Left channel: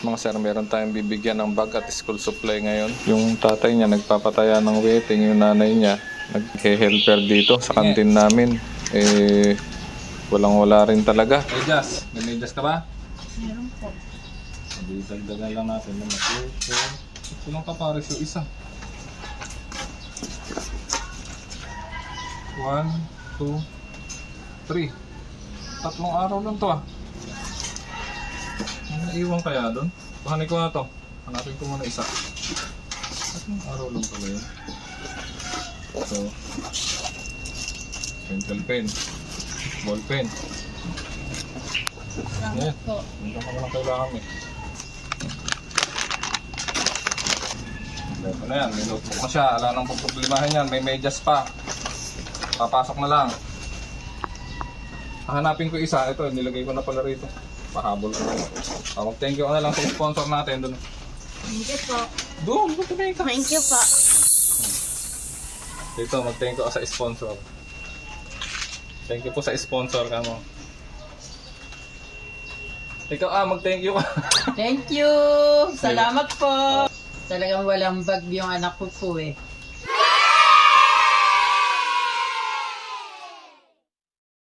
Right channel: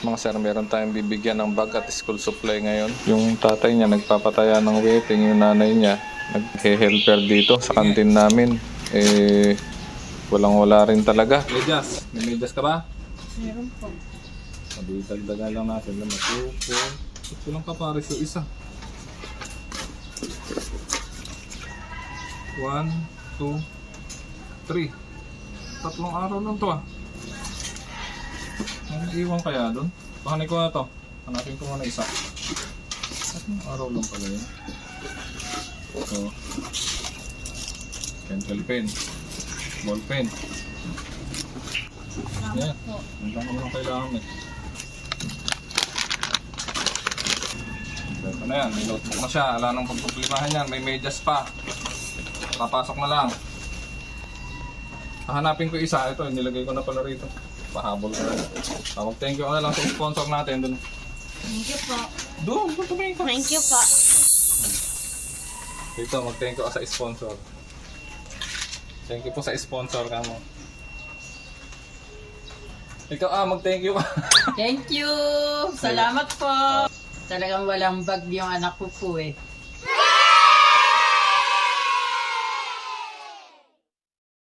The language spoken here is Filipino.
Mga sir, meron tayong bibigyan ng bag at school supply ngayon. Yung tatay niya nagpapataya ng waiting, yung nanay niya naghe-helper dito sa kantin namin. Eh, walang wala rin talaga. Medyas, may medyas ka ba? Meron po. Sabi, dagdagan lang natin. Naman, two, four. Kulang ka pares yung isa. One, two, three. Tatlong araw lang to ah. Ano naiwan kaya doon? Pahanay ko na to. Hanapin ko muna isa. Tatlong araw lang pala yun. So, pencil pen. Ball pen. Po. Hindi ko lang kailangan eh. Ito na yan, may notebook na siya. Wala nang pagproblemahan yan. May medyas pa. Papasok na lang. Hahanapin ko isa. Ito, nilagay ko na pala rito. Pahabol ko. Tawag thank you ko na lang sa sponsor natin. Doon. Thank you po. Doon, doon ka. Thank you po. Dito, mag-thank you ka sa sponsor. Thank you po sa sponsor ka mo. Ikaw ah, mag-thank you ka. Thank you! Salamat po! Talagang walang bag yung anak ko po eh.